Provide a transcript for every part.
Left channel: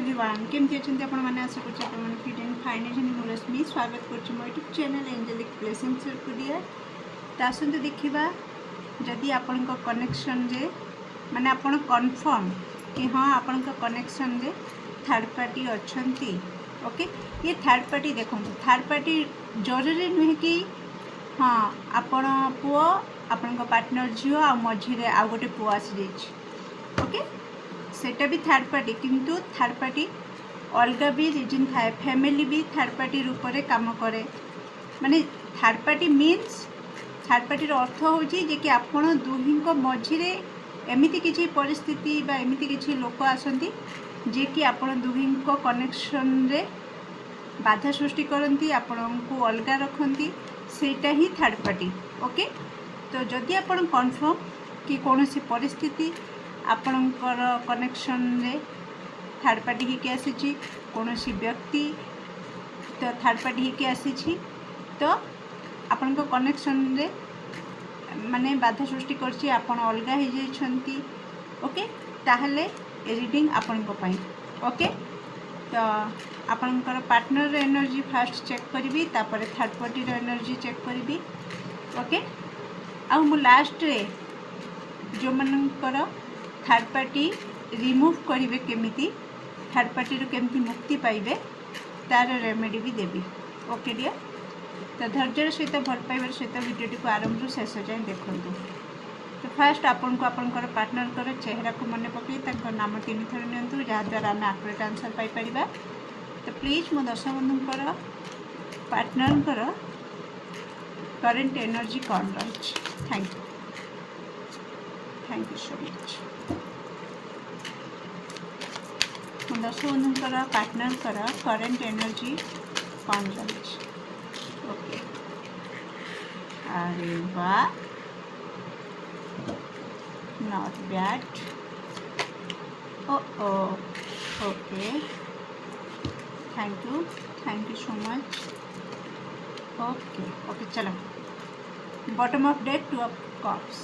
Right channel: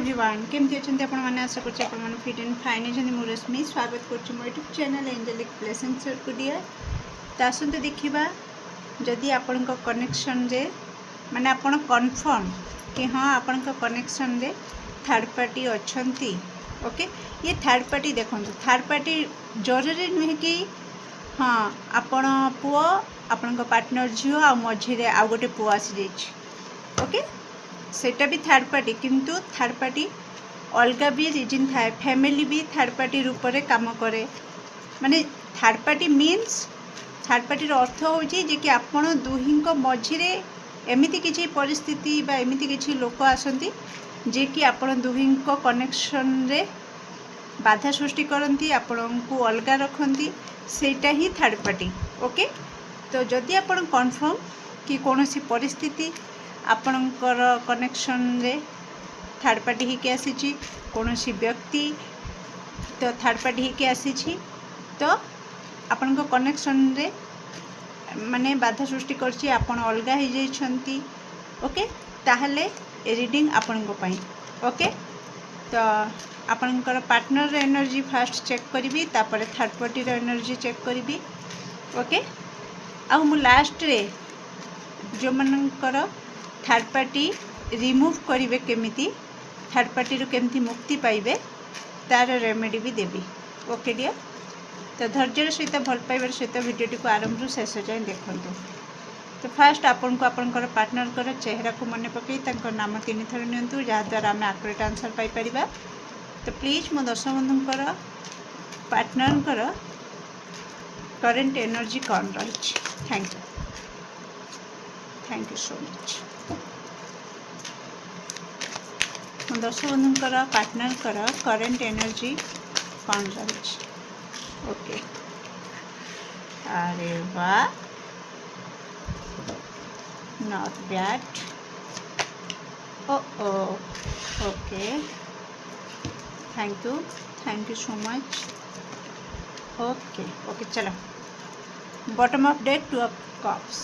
Everyone केमती अच्छे आपण मैंने आशा करते आप फिट एंड फाइन अच्छे मु रश्मि स्वागत कर मो यूट्यूब चैनल एंजेलिक ब्लेसिंग्स को डियर तो आसतु देखा जदि आपण कनेक्शन रे माने आपण कन्फर्म कि हाँ आपण कनेक्शन रे थर्ड पार्टी अच्छी ओके ये थर्ड पार्टी देखो थर्ड पार्टी जरूरी नुहे कि हाँ आपण पुओ आपण पार्टनर झील आ मझे आ गोटे पुओ आसी जाइए ओके सेटा भी थर्ड पार्टी किंतु थर्ड पार्टी अलग भी रिजन थाए फैमिली भी थर्ड पार्टी रूप में काम करे माने third party means third party अर्थ हो कि आपण दुही मझे एमती किसी परिस्थिति बा एमती किसी लोक आसती जे कि आपण दुही कनेक्शन रे बाधा सृष्टि करती आपण को अलग रखती सेटा ही थर्ड पार्टी ओके तो जदि आपण कन्फर्म कि कौन सी परिस्थिति आपणकर कनेक्शन रे थर्ड पार्टी ही के आसी कौन सी व्यक्ति तो थर्ड पार्टी ही के आसी तो आपण कनेक्शन रे माने बाधा सृष्टि करछि आपण अलग हो जाइछंती ओके ताहले रीडिंग आपण पई ओके तो आपणकर पार्टनर एनर्जी फास्ट चेक करी तापर थर्ड पार्टी एनर्जी चेक करी ओके आ मु लास्ट रे जो मनकर थर्ड पार्टी रिमूव करेंगे केमिति थर्ड पार्टी केमती मुक्ति पाइबे तार रेमेडी भी देवी ओके डियर तो धैर्य सहित भल पाइबार सहित वीडियो को आरंभ शेष जाए देखूँ तो फास्ट आपन को आपनकर पार्टनर चेहरा को मन पकई नाम 3 थर नियंतु जहाँद्वारा आम आकुरेट आंसर पाइपर तो प्लीज मो दर्शक बंधुकर पार्टनर करेंट एनर्जी कौन रही थैंक यू सो मच दर्शक बंधुकर पार्टनर करेंट एनर्जी कौन रही ओके अरे वाह not bad okay thank you so much okay okay चलो bottom of deck 2 of cups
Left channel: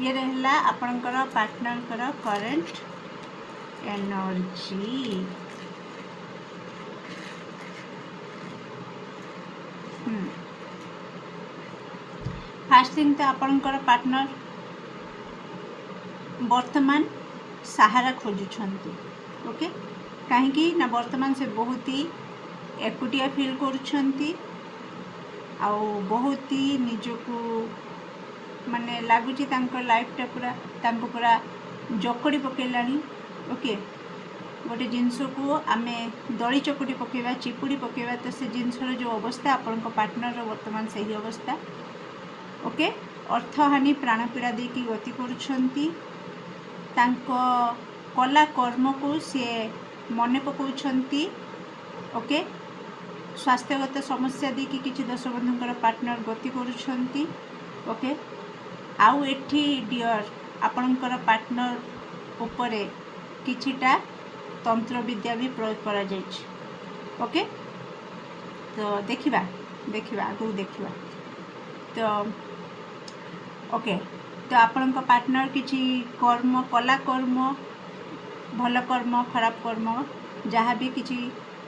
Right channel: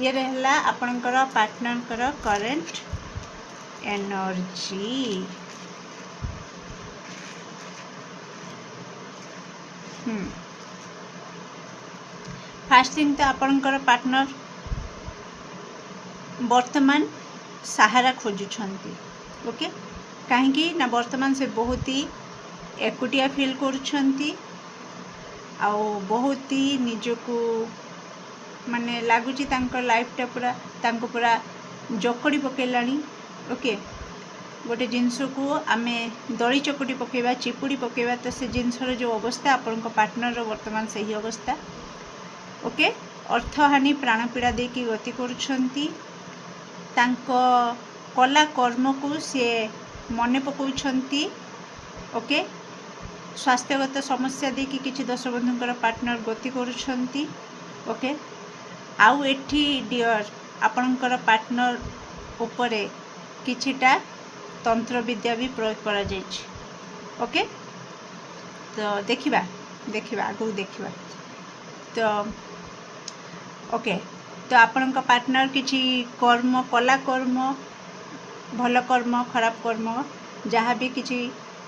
ये रहला आपनकर partner current energy fast thing तो आपनकर पार्टनर वर्तमान सहारा खोजुछंती ओके कहीं ना वर्तमान से बहुत ही एकुटिया फील करुछंती आ बहुत ही निजको माने लगुच लाइफटा पूरा जकड़ी पकेलानी ओके गोटे जिनस को आम दली चकटी पकेबा चिपुड़ी पकेबा तो से जिनसर जो अवस्था आपण पार्टनर वर्तमान से ही अवस्था ओके अर्थहानि प्राणपीड़ा देकी गति करुछंती कला कर्म को सी मन पकाउछंती ओके स्वास्थ्यगत समस्या देकी किछि दर्शक बंधुकर पार्टनर गति करुछंती ओके आउ एठी डियर आपणकर पार्टनर उपरे किछिटा तंत्र विद्या भी प्रयोग करा जाइछि ओके तो देखिबा आगु देखिबा तो ओके तो आपणक पार्टनर किछि कर्म कला कर्म भल कर्म खराब कर्म जहाँ भी किछि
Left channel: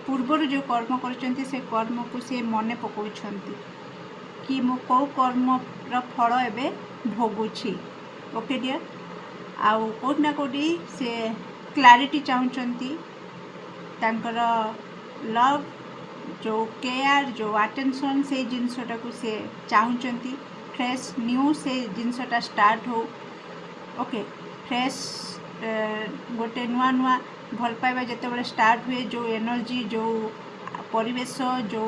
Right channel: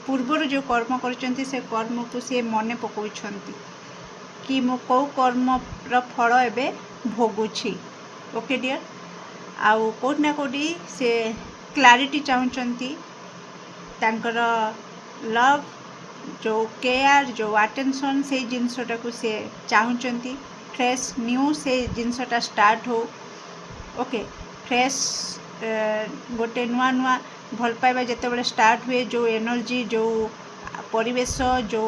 पूर्वर जो कर्म करछंती से कर्म को सी मन पकाउछंती कि मो कौ कर्म र फल एबे भोगुछि ओके डियर आउ कोट ना कोटी से क्लारिटी चाहूँगी तांकर लव जो केयर जो अटेंशन से जिनसटा को सी चाहूँगी फ्रेश न्यू से जिनसटा स्टार्ट हो ओके फ्रेश गोटे नुआ नुआ भल पाइबा जिते स्टार्ट हुए जो एनर्जी जो परिवेश जो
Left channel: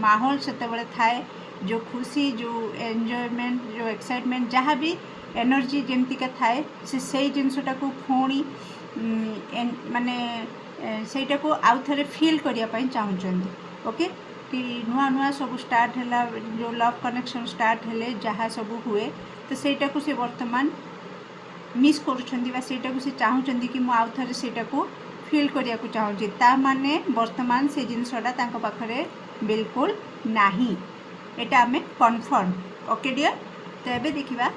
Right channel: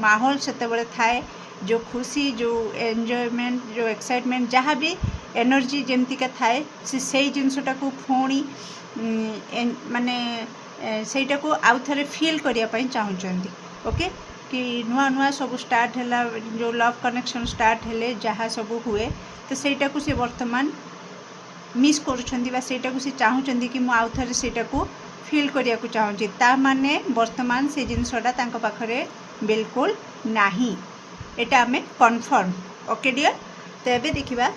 माहौल से थाए जो खुशी जो एंजॉयमेंट जो एक्साइटमेंट जहाँ भी एनर्जी जमतीका थाए से जिनसटा को पुणी माने सेटा को आउ थे फील करने चाहूँगी ओके कि नुआ नुआ सब स्टार्ट है जो लव कनेक्शन स्टार्ट है जहाँ सब हुए तो सेटा को से वर्तमान मिस करूँ से चाहूँगी कि मुझे आउ थे सेटा को फील करने को चाहूँगी ता माने वर्तमान से जिनसटा पाखरे बिल्कुल नहीं एटा आमे कन्फर्म ओके डियर तो ये देखा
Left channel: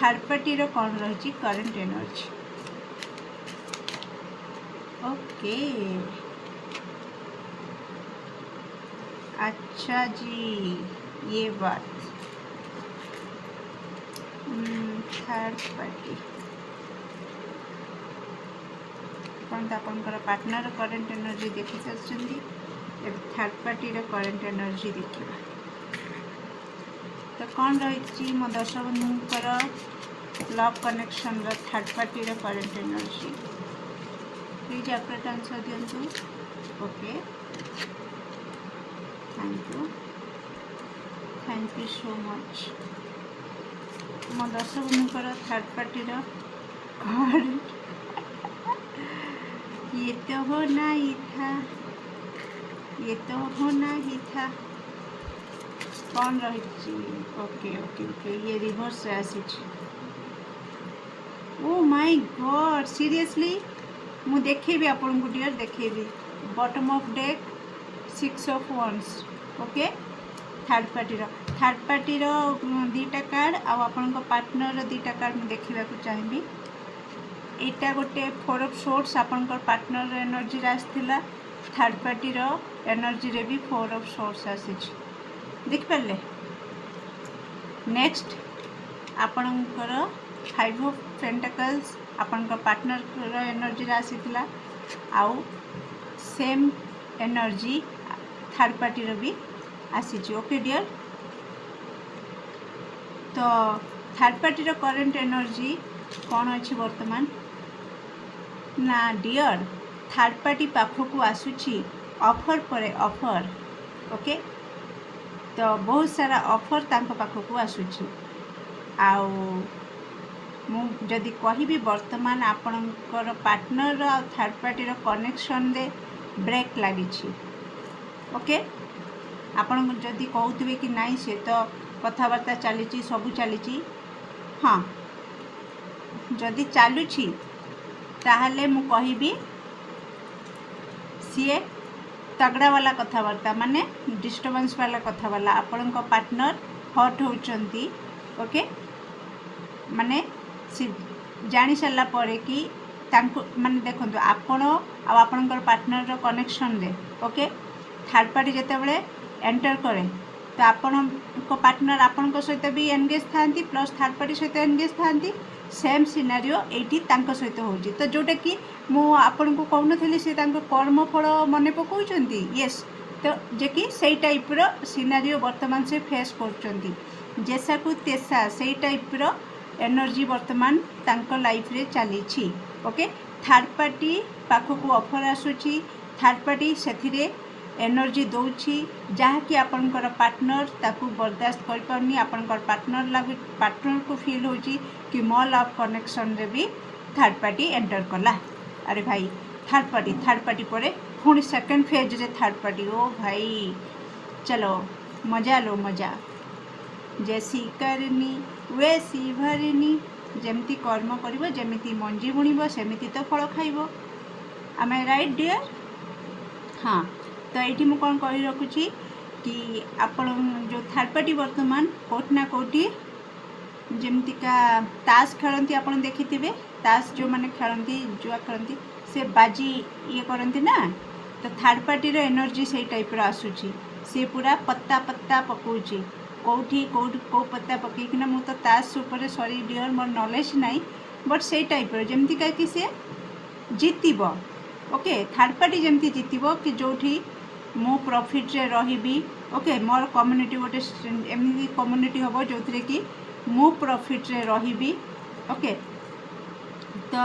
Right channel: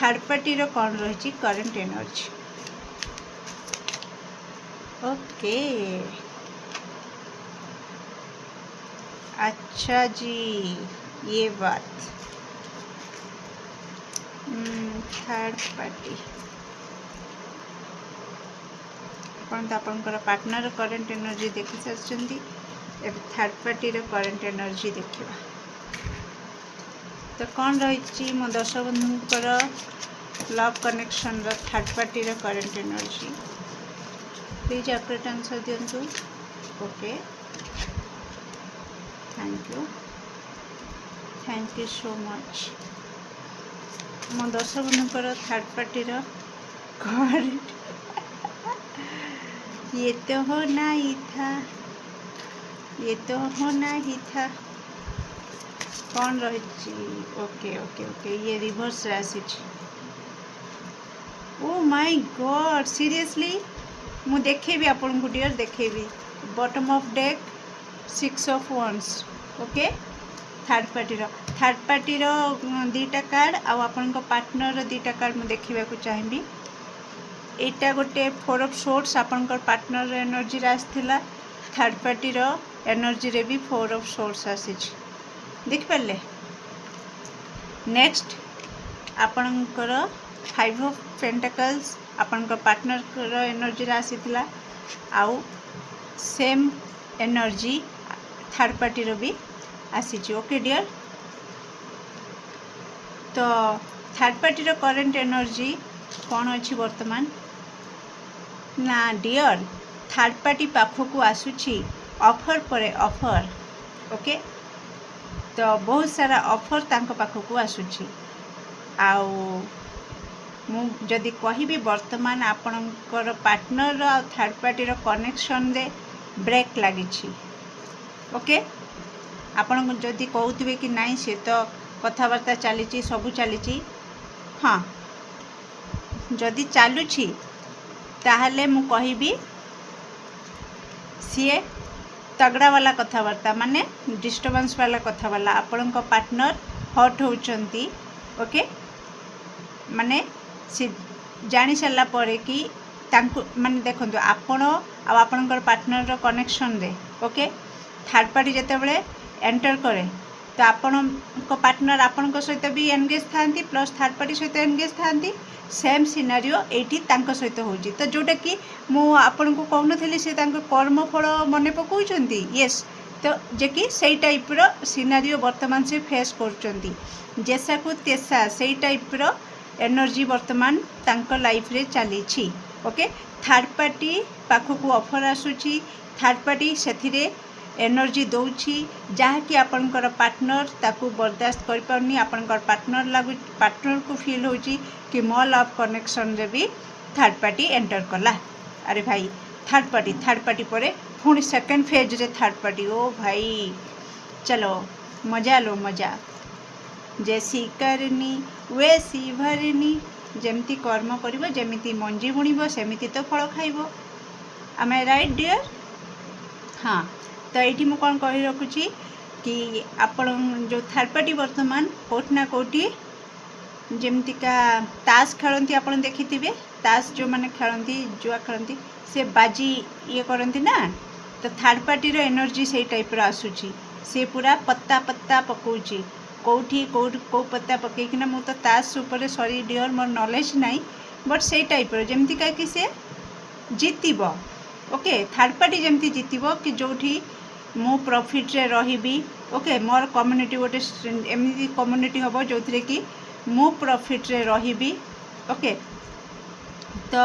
थर्ड पार्टी कौन रही करेंट एनर्जी ओके, अच्छा जी, ये बात। थर्ड पार्टी आपणकर पार्टनर करेंट एनर्जी देखि सारी, थर्ड पार्टी करेंट एनर्जी देखा। तो कौन रही मो दर्शक बंधुंकर love connection third party current energy please update answer दिंतु। Okay, thank you so much. मो दर्शक बंधुंकर थर्ड पार्टी करेंट ये तो होना ही था, ये तो होना ही था। कौन रही? ओके ओके ओके, ये रिवर्स आसी। ओ माय गॉड, सीरियसली मु देखेबी आपन को डियर, देखेबी bottom of deck 6 of wands. Okay, third party दीटा कार्ड आपन को पार्टनर दीटा कार्ड मु देखा चाहिए। एटा गोटे 4 ऑफ सोर्ट्स आपनकर पार्टनर एनर्जी आसला, थर्ड पार्टी एनर्जी रे भी 4 ऑफ सोर्ट्स आसी, देख पारे। नेक्स्ट आपनकर 5 ऑफ पेंटिकल्स आपनकर पार्टनर एनर्जी आसीला, आउ सेम एनर्जी थर्ड पार्टी भी आसी। ओके डियर, तो थर्ड पार्टी करेंट एनर्जी कौन अच्छी वर्तमान ना डियर, थर्ड पार्टी पाखक आसूची ऑफर पर ऑफर। ओके, तो बहुत सारा ऑफर तांको पाखक आसूची। आउ मु जदि कहिबी वर्तमान आपणकर पार्टनर और थर्ड पार्टी कनेक्शन दे ब्रेक लगी। ओके, आपण जदि कहते कि नहीं सी तो कथबार्ता चली सबू चली, हाँ जदि चलुची ताहले मु कहिबी सी तगड़ा वाला कथबार्ता, माने डिस्टर्बेंस वाला कथबार्ता। आपण पार्टनर हट होचंती। ओके, माने सी जानी सारा पर कि तांको माने देखंतु आपण आपणकर पार्टनर कनेक्शन रे। ओके, थर्ड पार्टी जेते बेले एंटर करे तो आपण पार्टनर आपण सहित भी एंगेज थांती, प्लस थर्ड पार्टी सहित एंगेज थांती। सेम सिनारियो एटी तांको सहित होची, तो जोटा कि मु आपण को कहूनथली से तांको कर्मफल मने पकाउचंती। यस, तो जे कि सेई टाइप रो सिनारियो वर्तमान से फेस करचंती, जैसा को तेसा सेई टाइप रो एनर्जी वर्तमान तांको लाइफ रे चली। ओके, थर्ड पार्टी पाखक ऑफर आसुची, थर्ड पार्टी सेथिरे एनर्जी दौची जहाँकि आपणकर पार्टनर ताकू बर्दाश्त कर पाउनी। आपणकर पार्टनर लागू, पार्टनर को फील होची कि मो लव कनेक्शन रे भी थर्ड पार्टी एंटर कला। अरे भाई, थर्ड पार्टी पर पुणी सेकेंड फेज रे थर्ड पार्टी। ओ भाई चलो मजा लो मजा, जैसी करनी वैसी भरनी, जमती कर्म करिवो, जमिति मंजी बुणिबो सेमिति तो फल खाइबो। एम आई राइट डियर? हाँ, तो ये मुझे कौन कही रखुची कि आपण जो थर्ड पार्टी वर्तमान कोट ना कोटी जमतीका ताश खेलती, आप देखिथे ताश जो मैंने खेलती जुआ खेलती से बाजी ये करती ना, तो थर्ड पार्टी एनर्जी से टाइप आसूची। से पूरा पत्ता पत्ता पकाउची, कौटी कौ पत्ता पकईकिना मु तो ताश उपर सॉरी डियर मोर नॉलेज नहीं, बट से टाइप जमतीका कि से जीतब। ओके, थर्ड पार्टी जमती जीतब कि जोठी मु प्रॉफिट रे रहिबी। ओके, मोर कम्युनिटी गोटे एमती कम्युनिटी हम जो थे कि मु प्रॉफिट रे रहिबी। ओके, तो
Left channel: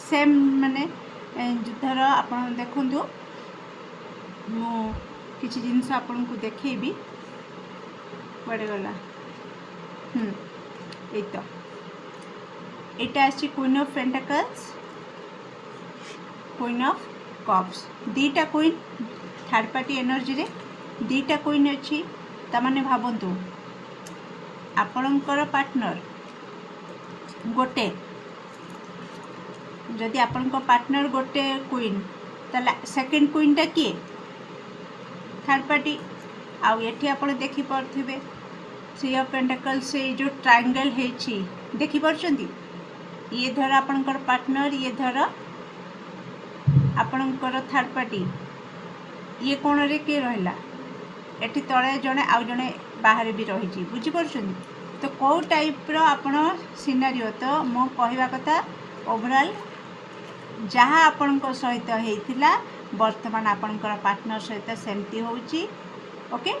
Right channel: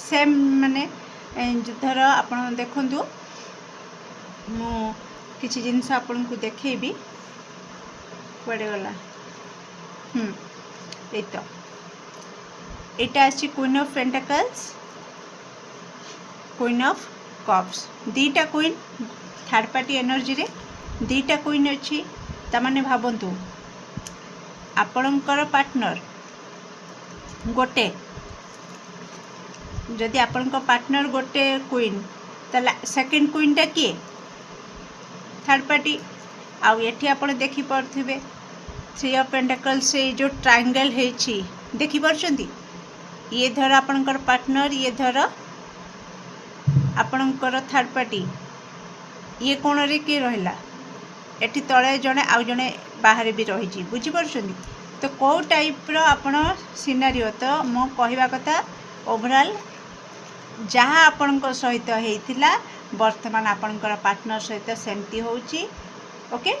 सेम माने धर आप देखु मु किसी जिनस आपन को देखेबी, कुआडे गला। ए तो एटा आछि queen of pentacles, queen of cups, दीटा क्वीन थर्ड पार्टी एनर्जी रे दीटा क्वीन अच्छी। तामाने भावंतु आपणकर पार्टनर गोटे, जदि आपणकर पार्टनर गोटे क्वीन, ताला सेकंड क्वीनटा किए थर्ड पार्टी। आउ एठी आपण देखि परथिबे थ्री ऑफ पेंटिकल्स से जो ट्रायंगल हेछि देखि परछंती, ये धर आपणकर पार्टनर, ये धर आपणकर थर्ड पार्टी ये कोण रे किए रहिला एठी तळे जणे आउ जणे बाहर भी रही बुझीपार तो कौ टाइप आपण सिनारिओ तो मो कहवा कथा ओवरऑल जहाँ आपण सहित होता वर्तमान आपणकर पार्टनर सहित सेमती होची ओके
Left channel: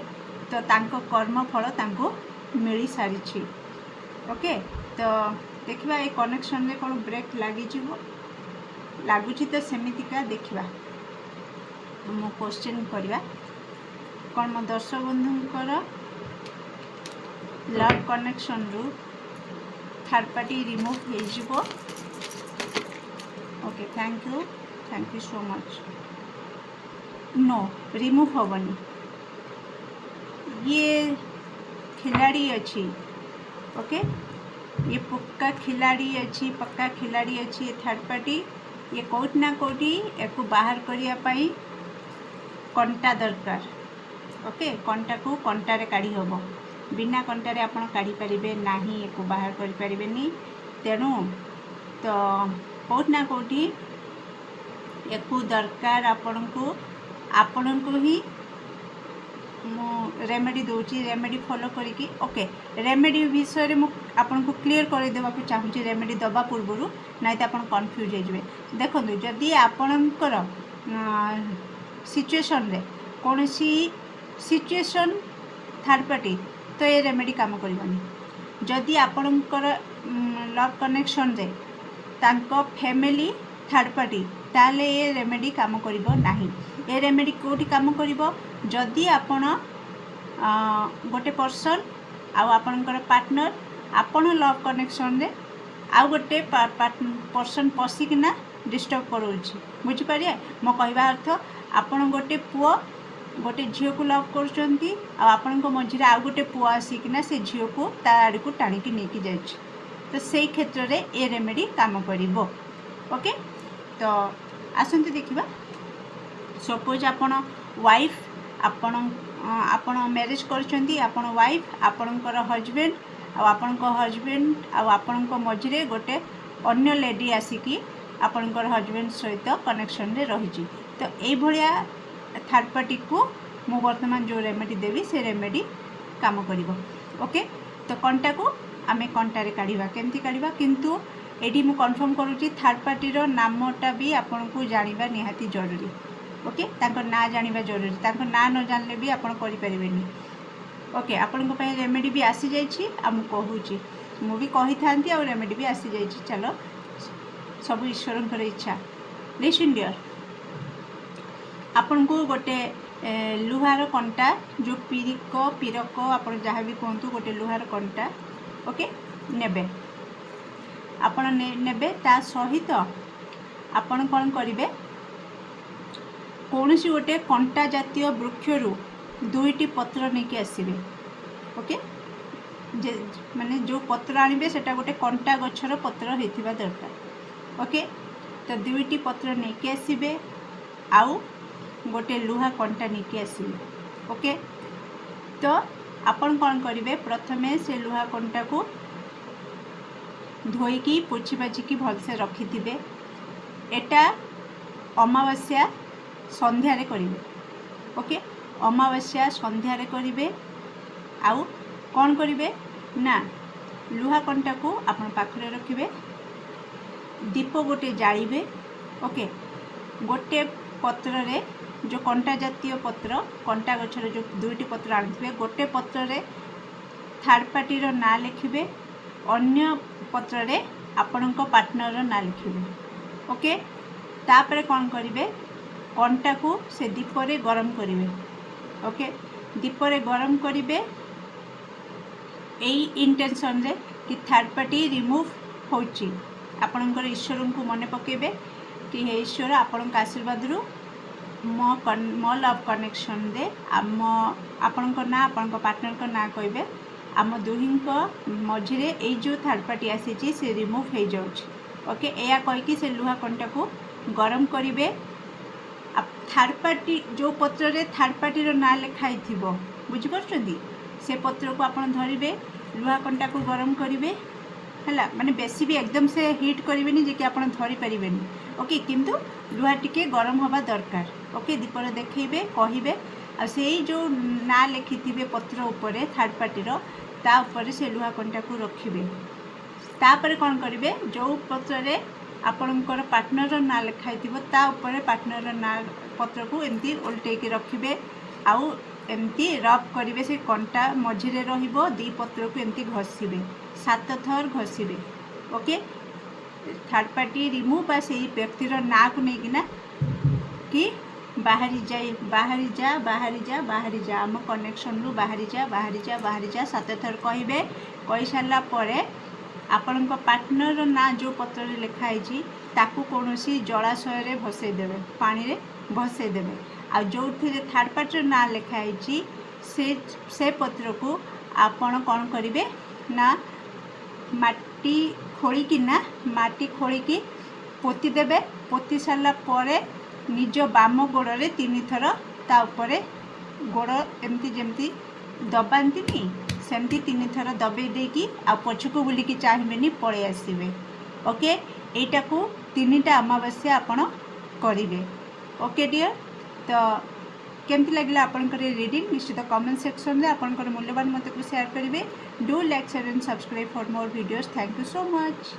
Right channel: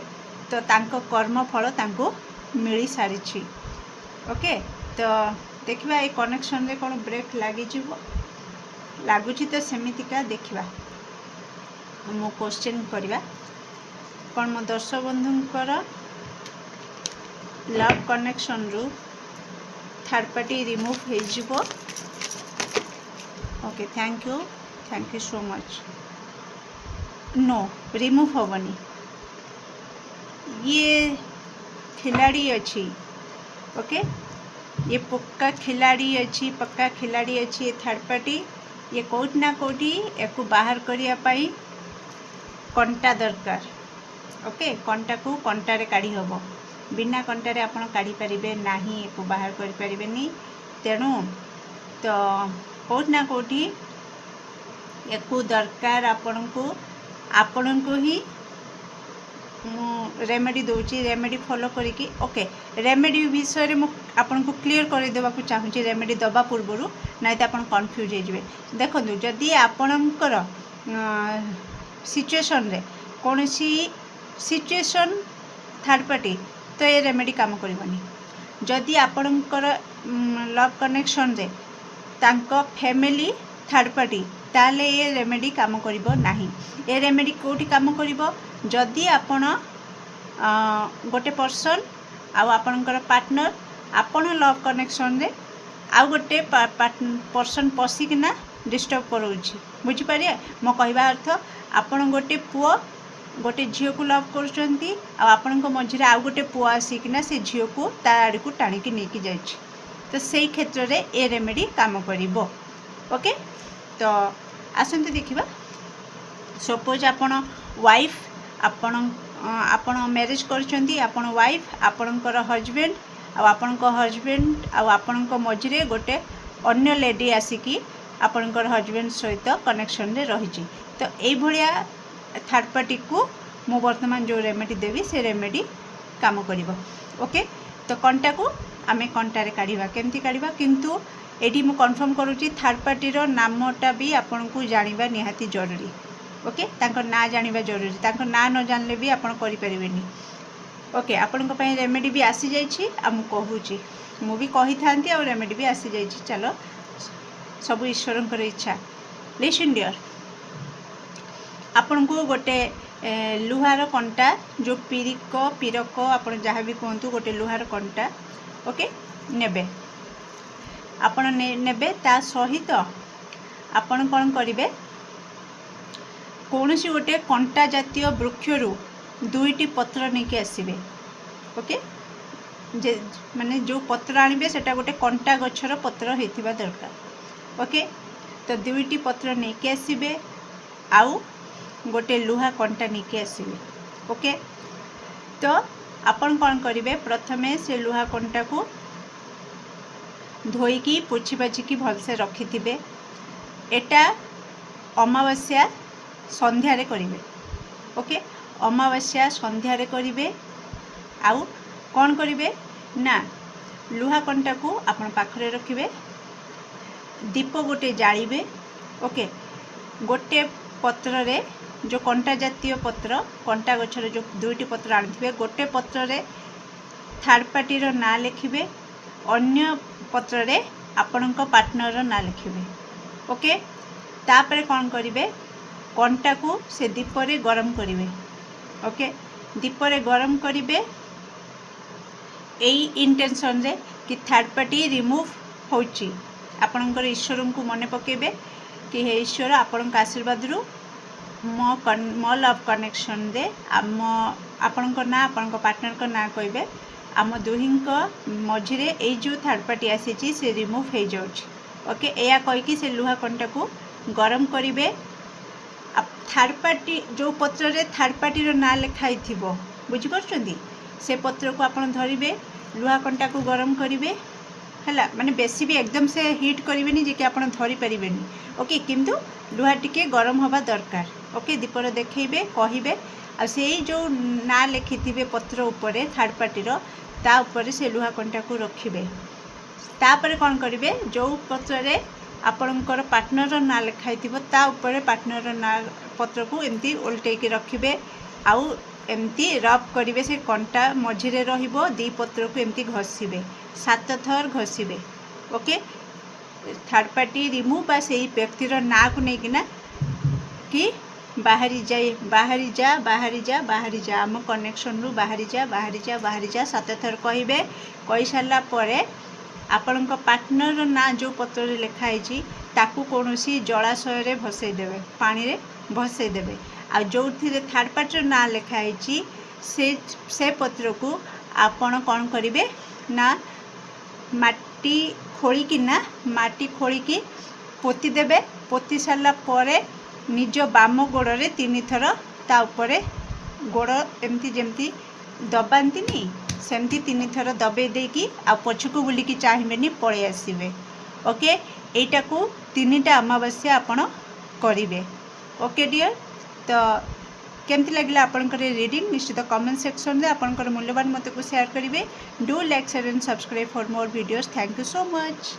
तो तांको कर्म फल तांको मिली सारी ओके तो देखिबा ए कनेक्शन रे कोन ब्रेक लागी जीवो लागुची तो सेमितिका देखिबा मो क्वेश्चन करबा कौन मो दर्शक बंधुंकर लव कनेक्शन रु थर्ड पार्टी रिमूव हो जीवो okay thank you so much no remove होबनी ये खिलाड़ी अच्छी ओके ये पक्का खिलाड़ी अच्छी ये थर्ड पार्टी ये कौटी ना कौटी या बाहर करने कंटा दरकार ओके कंटा को कंटारे काढ़ी हम बिना कंटारे आपण काढ़ी पारे ना या बाहर करें तेणु तो कौटी ना कौटी या दरकार आपण को ही रेमेडी दूची रेमेडी फॉलो करिकी ओके रेमेडी विषय में आपन को क्लियर कर देवा को चाहूँगी रेमेडी दबा पूर्व ना तो आप कन्फ्यूज हो देखो जदि आपणकर सिचुएशन रे कौन सी सिचुएशन थर्ड पार्टी तो ये रेमेडी काम करनी जदि आपणकर लव कनेक्शन रे तांको फैमिली थर्ड पार्टी ताले ये रेमेडी काम करिवो नाही ए रेमेडी कोठी काम करिवो जदि आपण गोटे पर्सन आपणकर पार्टनर आपण लव कनेक्शन रे आउ गोटे पर्सन पशिकिना डिस्टर्ब करोछि बुझिपारे मो कहवा अर्थ आपण गोटे पुओ गोटे झील को लव करुँच आपण मझे आउ गोटे पुओ आसिकिना से झील को ता आड़ को टाणिकी नहीं जाइछि तो से क्षेत्र रे ए रेमेडी काम करिवो ओके तो आसंतु देखिबा सपोज आपण वाइफ आपण मैरिज करछंती आपण वाइफ आपणकर हजबैंड हजबैंड आपणक मझे गोटे अन्य लेडी आसिकी आपणकर हजबैंड सहित कनेक्शन रे रही तो ये थर्ड पार्टी को मु वर्तमान जो रेमेडी देवी से रेमेडी काम करिवो ओके तो कंटा को आमे कंटारे काढ़ा केमती काढ़ा किंतु एटी मु कन्फर्म करुँची थर्ड पार्टी रो नामटा भी आपन को जानिबा निहाती जरूरी ओके तांको ना जानिबा जरूरी तांको ना न जानले भी आपन करि परिबेनी ओके आपन को पई रेमेडी भी आसी जाइछि आ मु कहूची मु भी कहि थांती आ रेमेडी भी आसी जाइछि चलो सब ईश्वरंकर इच्छा लिसन डियर आपन को गोटे लुहार कंटा जो पीरक आपन जहाँ भी कहतु गोटे लुहार कंटा ओके नेबे आपण नेबे ता सहित आपण कौन करेंगे कौन सी गोटे कंटा जातीय वृक्षरु दुईटी पत्र नहीं आसबे ओके जे माने जो पत्र आनिबे सेटा गोटे कंटा गछर पत्र होइथिबा दरकार ओके तो दुईटी पत्र नहीं आसबे आउ गोटे लुहा कंटा नहीं आसबे ओके तो आपण कौन करेंगे प्रथमे से लुहा कंटा को धोईकी पोछि बाजिकी भलसे रखि थिबे एटा अमावास्या संध्यारे करिवे ओके अमावास्या संध्यारे करिवे आउ कौन करिवे ना लुहा कंटा को आपण पाखरे रखिवे दीप गोटे जालिबे ओके गोटे पत्र रे जो कंटा जातीय पत्र कंटा गछर जो दुईटी पत्र आनिथिबे गोटे पत्र रे थर्ड पार्टी रो ना लिखिबे अन्य पत्र रे आपणक पार्टनर रो ना लिखिबे ओके तापरे कौन करिवे कंटा को से दीप रे गरम करिवे ओके दीप रे गरम करिवे एई इंटेंशन रे कि थर्ड पार्टी रिमूव होची आपणकर ईश्वर को मने पकेबे कि हे ईश्वर आपणक आशीर्वाद रु मो लव कनेक्शन दे आम आपणक ना आपणक पार्टनर को ना कहबे आम दुही मझे ये जो थर्ड पार्टी आसी से रिमूव हो जाउछि ओके या कहीकि से लुहा कंटा को गरम करेंगे थर्ड पार्टी जो पत्र रे थर्ड पार्टी रो ना लिखाई थिबो बुझी परछंदी से पत्र को आपण धरिबे लुहा कंटा को गरम करेंगे है माने बेसी भी एकदम से हिट करेंगे जे कि आप धरी पारे ओके किंतु लुहा टिके गरम हवा दरकार ओके दीपर देखिए कहे आ से जो ना लिखि पत्र उपरे थर्ड पार्टीर ता उपरे से लुहा कंटा को रखिए तापर कौन करेंगे जो पत्र आपणकर पार्टनर ना लिखाई ता उपरे पार्टनर ना पत्र को एमती उल्टेक रखिए आउ एमती रब करेंगे से कंटा मझिरे दी पत्र को एमती घषिबे 7 थर घषिबे ओके थर्ड पार्टी रिमूव से व्यक्तिर ना को लेकिना कि बाहरी जाए बाहरी जा बाहरी जा बाहरी जा आम कनेक्शन रु बाहरी जा बाहरी जा बाहरी जा 7 थर कहे कही सारा पर आपण पार्टनर ना जो पत्र लिखाई ताकू कौन जलाशय भसईदेवे पानी रे भसईदेवे आ जो थर्ड पार्टी ना लिखाई से पत्र को आपण कौन करेंगे ना माटी खोलिकिना माटी खोलिकी पोती देवे पोती सारा पर निज बाम गोड़े 3 थर ता उपरे गोड़ एमती जमती दबाती सेमती 3 थर दबे देकी आ पछकू बुलिकी चाहिए पलि आसबे ओके एटा को 3टा अमावास्या आपण करेंगे ओके डियर तो केमती लगे आपंकर रीडिंग निश्चित कमेंट सेक्शन में आपंकर मूल्यवान मत को शेयर करेंगे do like share and subscribe for more videos thank you so much.